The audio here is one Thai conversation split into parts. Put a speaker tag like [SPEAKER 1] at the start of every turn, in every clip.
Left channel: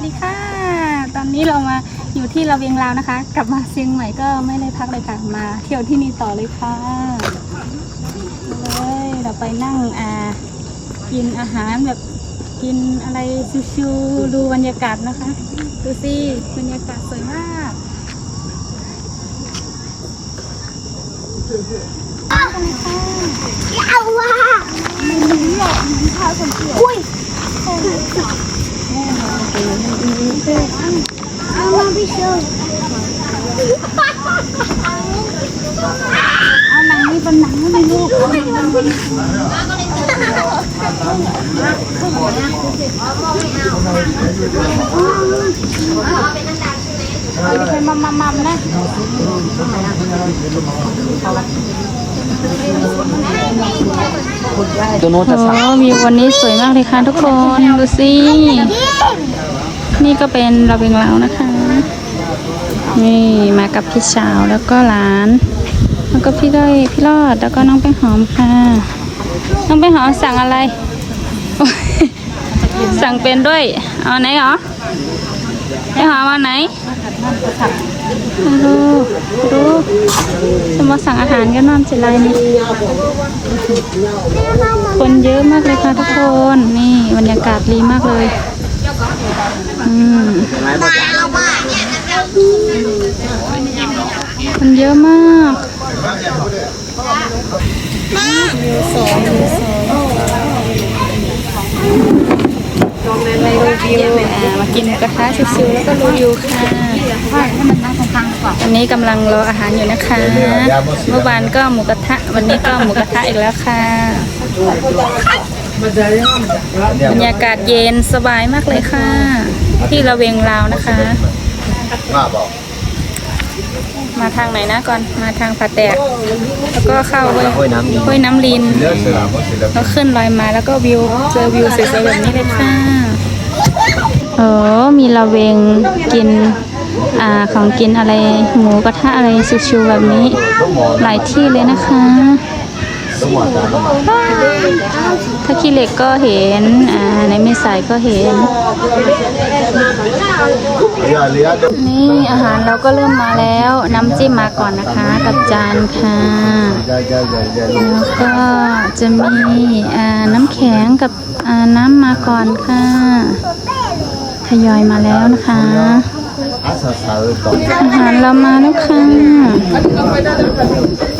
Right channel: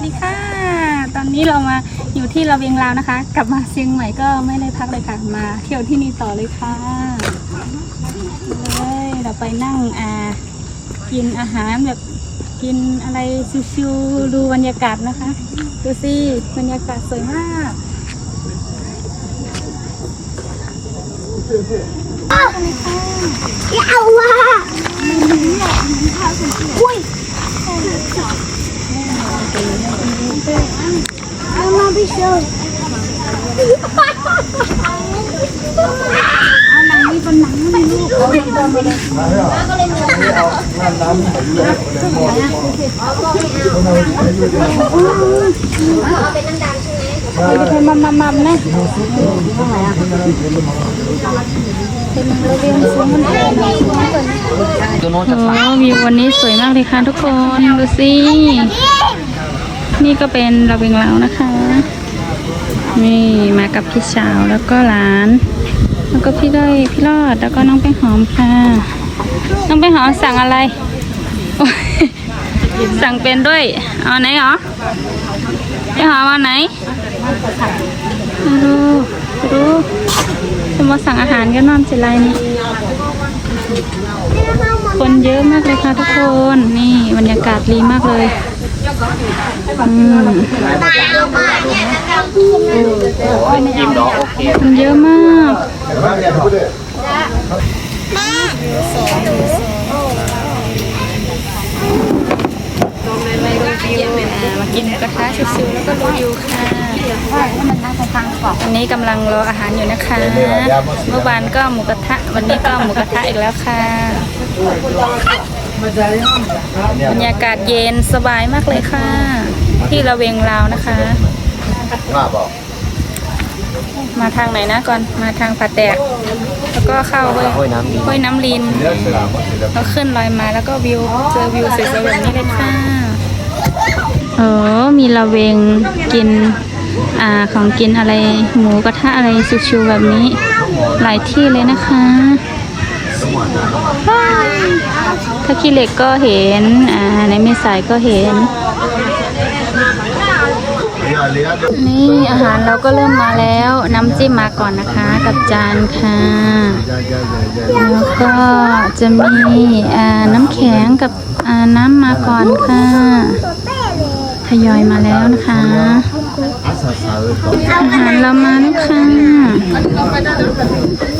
[SPEAKER 1] สดีค่ะ ตอนนี้เรามาอยู่ที่ระเวียงลาวนะคะ กลับมาเชียงใหม่ก็ไม่ได้พักเลยค่ะ มาเที่ยวที่นี่ต่อเลยค่ะเลยเราไปนั่งอ่ากินอาหารแบบกินอะไรชิวๆดูบรรยากาศนะคะ ดูสิบรรยากาศสวยมากกันเลยค่ะ
[SPEAKER 2] เอาว่ะอุ้ยเอามาพี่โชว์
[SPEAKER 1] เอาหนังนี่เป็นหนังนี่ลูกเอาเด็กๆมาเลยเป็นมัมมัมมัมนะโอ้วิววันนี้สวยมากเลยค่ะทุกคน ดูสิ นี่ก็เป็นระเบียงเรานะคะ นี่มากับพี่สาวแล้วก็หลาน แล้วก็พี่ด้อยพี่รอดแล้วก็น้องแป้งหอมค่ะ น้องแป้งหอมสั่งอะไร สั่งเป็นด้วยเอาไหนหรอแป้งหอมเอาไหนดูดูจะมาสั่งอาหารกันนอนสิไรนี่คนเยอะมากเลยค่ะทุกคน นี่บรรยากาศดีมากเลย อืมมันเยอะมากมาดูวิวอ่ามากินหมูกระทะชิวๆแล้วก็ดูวิวค่ะวันนี้กำลังรออาหารอยู่นะคะ เมื่อวานก็หมูกระทะ วันนี้ก็หมูกระทะอีกแล้วค่ะ บรรยากาศเย็นสบายมากเลยค่ะ ที่ระเวงลาวนะคะ มาทางไหนนะก่อนมาทางผาแตกแล้วก็เข้าห้วยห้วยน้ำลินแล้วขึ้นลอยมาแล้วก็วิวเจอวิวสวยๆแบบนี้เลยค่ะโอ้มีระเวงกินอ่าของกินอะไรหมูกระทะอะไรชิวๆแบบนี้ หลายที่เลยนะคะ ถ้าขี้เหล็กก็เห็น อ่า ในไม่สายก็เห็น นี่อาหารเราก็เริ่มมาแล้ว น้ำจิ้มมาก่อนนะคะ กับจานค่ะ แล้วก็จะมีอ่าน้ำแข็งกับอ่าน้ำมาก่อนค่ะทยอยมาแล้วนะคะ อาหารเรามาแล้วค่ะ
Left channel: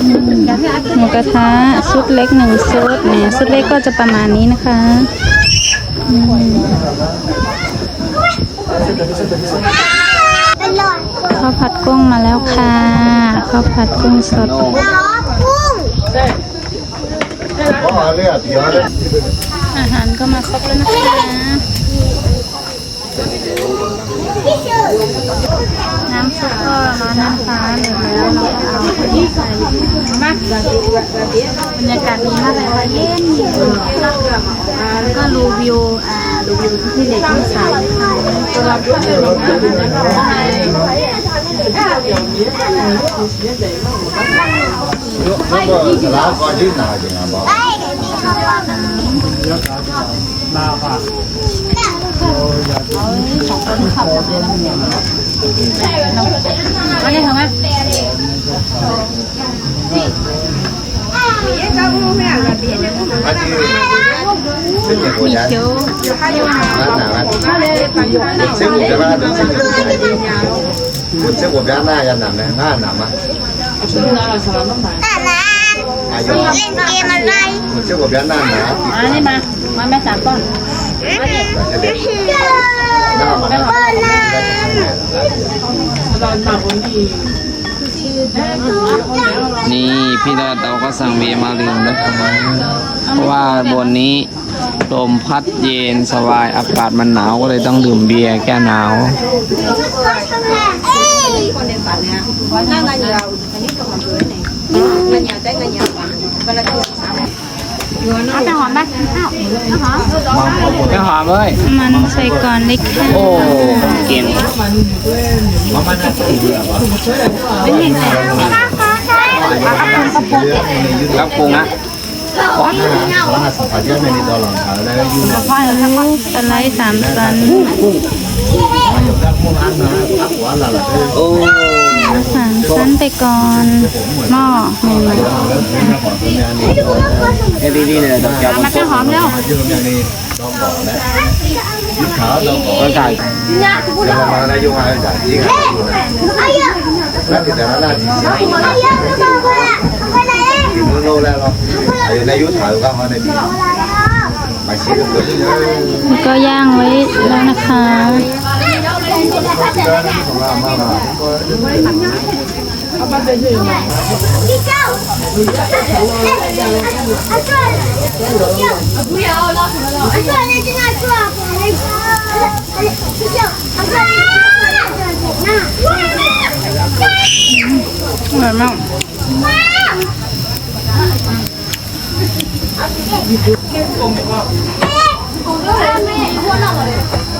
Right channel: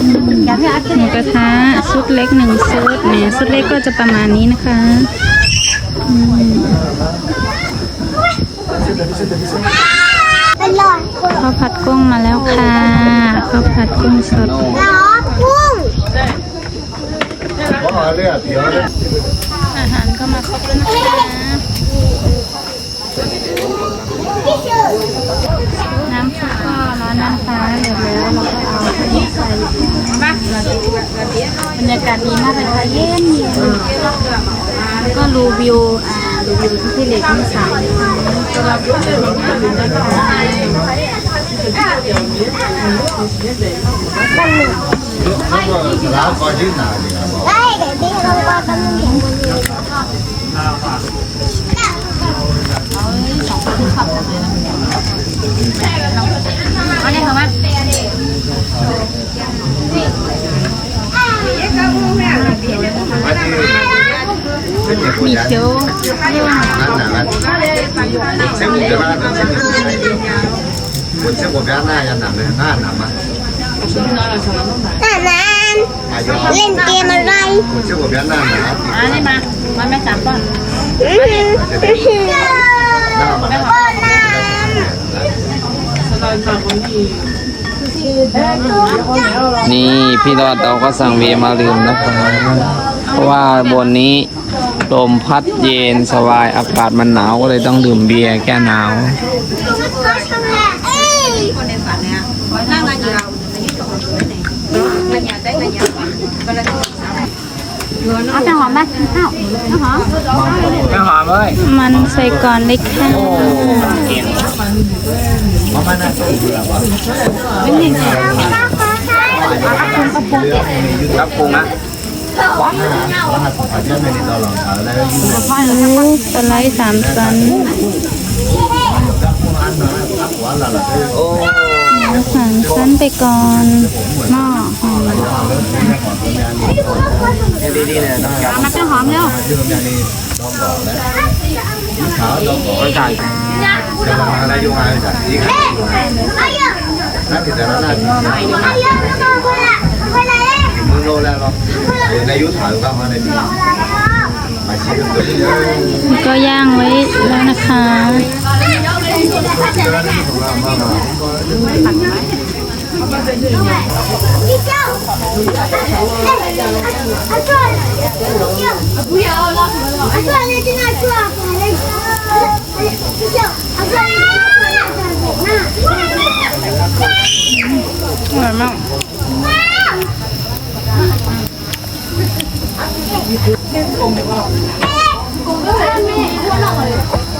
[SPEAKER 1] หมูกระทะชุดเล็กหนึ่งชุดเนี่ยชุดเล็กก็จะประมาณนี้นะคะอืม
[SPEAKER 2] เป็นหลอด
[SPEAKER 1] ข้าวผัดกุ้งมาแล้วค่ะข้าวผัดกุ้งสด
[SPEAKER 2] ล้อกุ้ง
[SPEAKER 1] อาหารก็มาครบแล้วนะคะน้ำซุปก็ร้อนนะคะเดือดแล้วเราก็เอาไปใส่ค่ะ บรรยากาศดีมากเลยค่ะเย็นเย็นแล้วก็รูวิวอ่ารูวิวที่พี่เหล็กมีสายค่ะตัวเราเป็นยังไงบ้างนะคะ
[SPEAKER 2] ได้เดี๋ยวพี่เข้าบ้านกัน
[SPEAKER 1] มีเจียว
[SPEAKER 2] แต่นั้นเล่นเกมอะ ไร
[SPEAKER 1] อันนี้มามาแม่สามต้ นี่
[SPEAKER 3] พี่รอดเราก็สั่งเบียร์มาลืมนะครับเพราะว่าบนนี้ลมพัดเย็นสบายอากาศมันหนาวก็เลยต้องดื่มเบียร์แก้หนาว
[SPEAKER 2] เอ้ย
[SPEAKER 1] เอาแต่หอมไหมอ้าวเอาหอม
[SPEAKER 3] ไม่หอมเลย
[SPEAKER 1] มันใส่ก่อนเลยค่ะ
[SPEAKER 3] กิน
[SPEAKER 1] ปลากระพุงกระพุง
[SPEAKER 3] ครับปรุงนะ
[SPEAKER 1] สไลด์สามชั้น
[SPEAKER 3] โอ้
[SPEAKER 1] นั้นไปก่อนหม้อหนึ่ง
[SPEAKER 3] ดีเลยต้องจับ
[SPEAKER 1] มันจะหอมแล้ว
[SPEAKER 3] ก็ใส่
[SPEAKER 2] หม้อดีกว่ามึงโลแล้รอย่ายก็
[SPEAKER 1] มาใก็ย่างไว้แล้วนะคะ
[SPEAKER 2] Rồi mong Hãy subscribe cho
[SPEAKER 1] kênh Ghiền Mì Gõ Để không bỏ lỡ những video hấp dẫn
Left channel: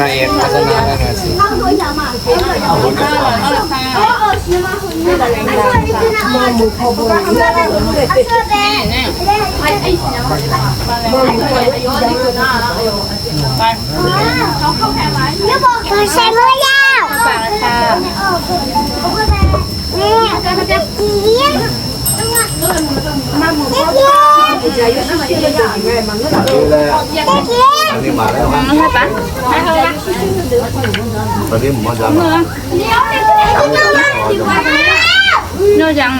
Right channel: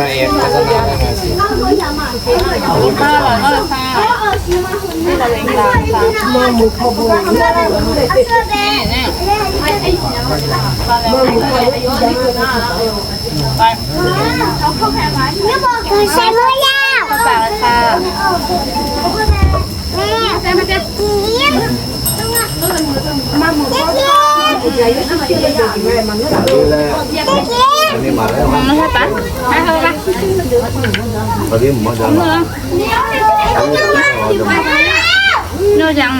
[SPEAKER 3] นายเอ็มพัฒนาได้มาสิ
[SPEAKER 1] ข้าอร่อยมากเลยค่ะที่เราแรงดังค่ะเนี่ปลาแรงไป
[SPEAKER 4] ใช้ไม่ยาว
[SPEAKER 1] ข้วปลาค่ะ
[SPEAKER 4] เด็กเด็กเด็ก
[SPEAKER 2] Ini mana?
[SPEAKER 1] ไม่ใช่ปะไม่ใช่ปะ
[SPEAKER 2] Tadi mau dah.
[SPEAKER 1] เนื้อเนื้อยังเหรอเนี่ยต่อกั นเหนือจัดกันเหนือ
[SPEAKER 3] เ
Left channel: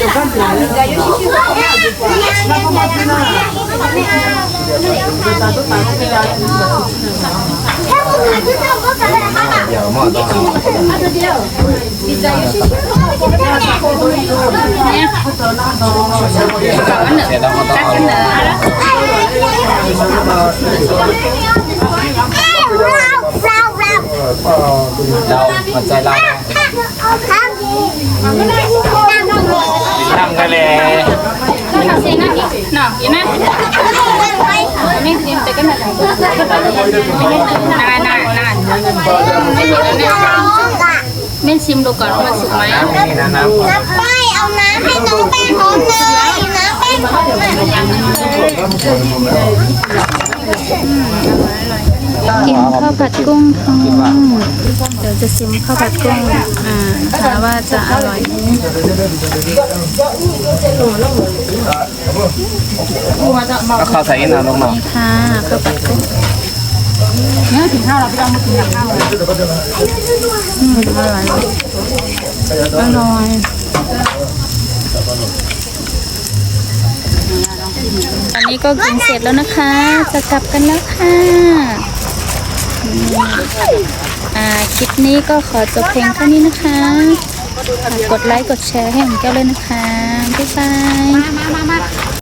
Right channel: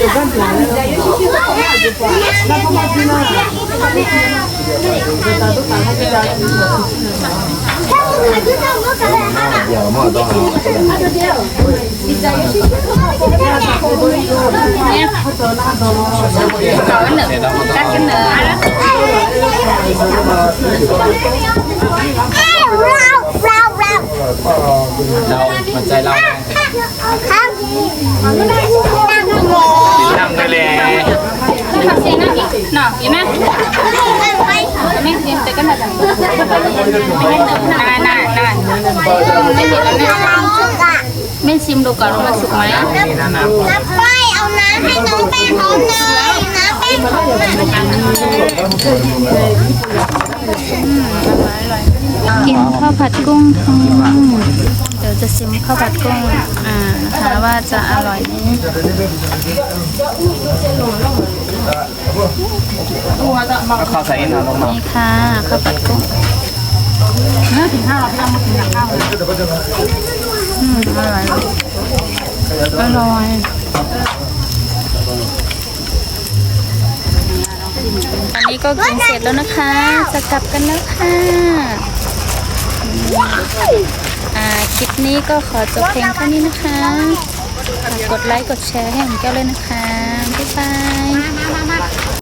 [SPEAKER 3] ราหัวใจเราทำทะ เล
[SPEAKER 1] นี่ค่ะเซียนนะหน่อเห็นไหมไม่เซียนแต่ก็หน่อจังไม่เห็นเหนือนานนานนานไม่เห็นแล้วเนี่ย ไม่ชิมดูก่อนว่ามันสุกไหม
[SPEAKER 4] น้ำป้ายเอาน้ำให้น้องแป้งหอมหน่อยน้ำแป้งหอมหน่อย
[SPEAKER 1] อืมอร่อยอร่อยกินข้าวผัดกุ้งค่ะเดี๋ยวจะชิมข้าวผัดกุ้งอ่านะคะว่าจะอร่อยไหม
[SPEAKER 3] ก็เข้าใส่อินเอาลงมา
[SPEAKER 1] นี่ค่ะข้าวผัดกุ้ง อืมอร่อยอร่อยตอนนี้ก็กินเสร็จแล้วนะคะ จะกลับกันแล้วค่ะอ่าคลิปนี้ก็ขอจบเพลงแค่นี้นะคะฝากกดไลค์ กดแชร์ให้ผมแก้วเลยนะคะ บ๊ายบาย